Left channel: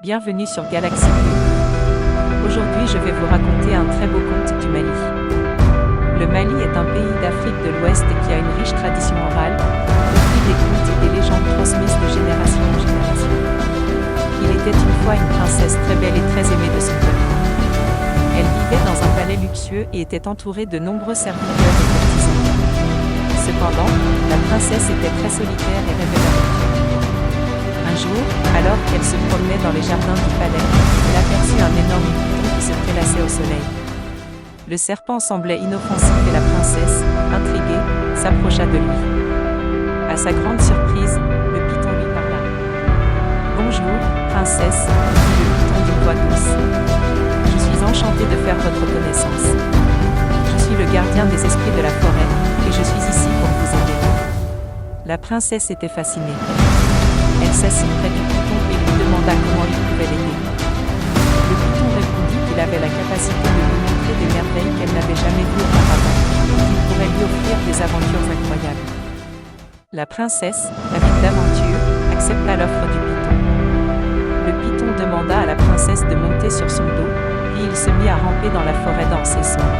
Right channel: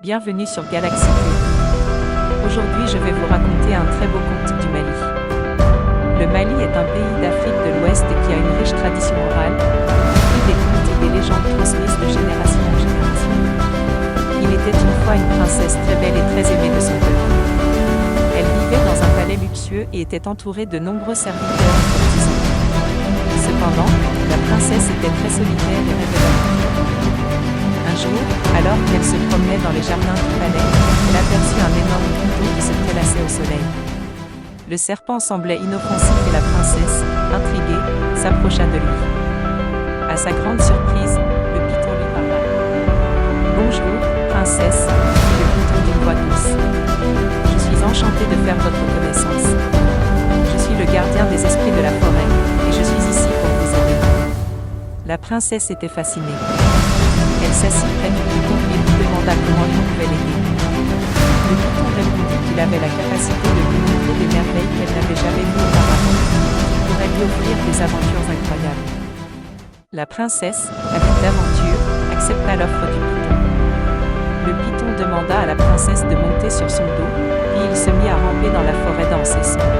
Bienvenue sur Galaxy Cube. Aujourd'hui je vais vous raconter un très beau conte du Mali. Le Mali est un pays d'Afrique de l'Ouest qui a une riche tradition orale, y compris des contes et des légendes transmises de génération en génération. Il était une fois une princesse très belle et très aimée de son peuple. Elle vivait dans un palais luxueux et était entourée de nombreux serviteurs et courtisans. Cependant, la princesse était très solitaire et rêvait d'aventure. Un jour, alors qu'elle se promenait dans les jardins du palais, elle aperçut un énorme python qui se prélassait au soleil. Le serpent semblait inoffensif et la princesse, intriguée, s'approcha de lui. À sa grande surprise, le python lui parla. « Bonjour, princesse, » dit le python d'une voix douce. « Je suis enchanté de faire votre connaissance. Je suis le gardien des esprits de la forêt, et je suis ici pour vous aider. » La princesse était fascinée. Elle s'assit près du python et lui demanda comment il pouvait l'aider. Le python répondit qu'il avait la capacité de lui montrer des merveilles qu'elle n'avait jamais vues auparavant, et qu'il pourrait lui offrir des aventures incroyables. La princesse, avide d'aventure, accepta l'offre du python. Le python demanda à la princesse de monter sur son dos, puis il se mit à ramper dans la forêt dense et sombre.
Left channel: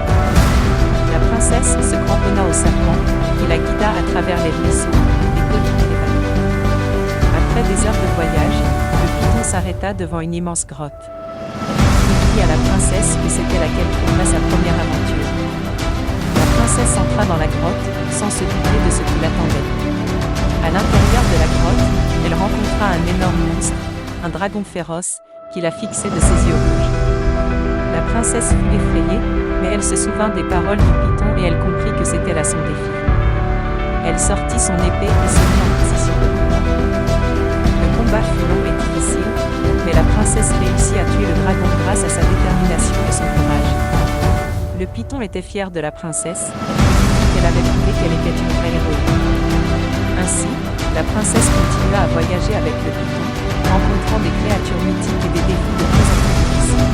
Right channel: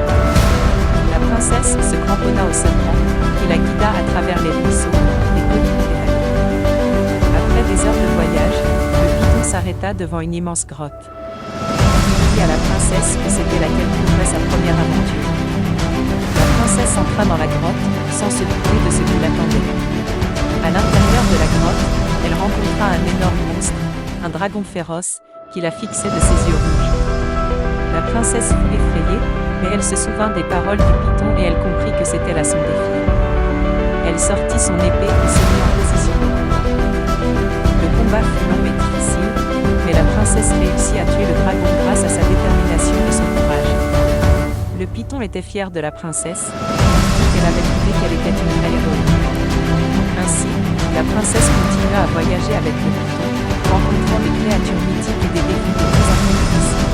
La princesse se cramponna au serpent, qui la guida à travers les ruisseaux, les collines et les vallées. Après des heures de voyage, le python s'arrêta devant une immense grotte. Il dit à la princesse que c'était là qu'elle trouverait sa première aventure. La princesse entra dans la grotte, sans se douter de ce qui l'attendait. À l'intérieur de la grotte, elle rencontra un énorme monstre, un dragon féroce, qui la fixait de ses yeux rouges. La princesse fut effrayée, mais elle se souvint des paroles du python et elle comprit que c'était là son défi. Elle sortit son épée et se mit en position de combat. Le combat fut long et difficile, mais la princesse réussit à tuer le dragon grâce à sa détermination et son courage. Le python était fier de la princesse, et lui dit qu'elle avait prouvé qu'elle était une vraie héroïne. Ainsi, la princesse continua à voyager avec le python, rencontrant des créatures mythiques et des défis de plus en plus difficiles.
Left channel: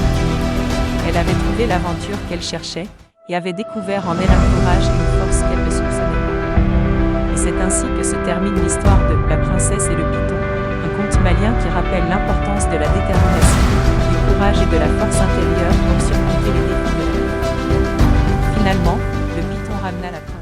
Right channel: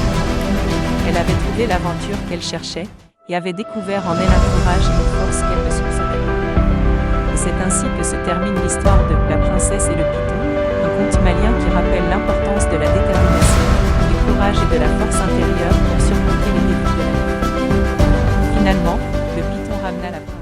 Elle avait trouvé l'aventure qu'elle cherchait, et avait découvert en elle un courage et une force qu'elle ne soupçonnait pas. Et c'est ainsi que se termine l'histoire de La princesse et le python, un conte malien qui rappelle l'importance de la détermination, du courage et de la force intérieure pour surmonter les défis de la vie. Finalement, le python ramena la princesse.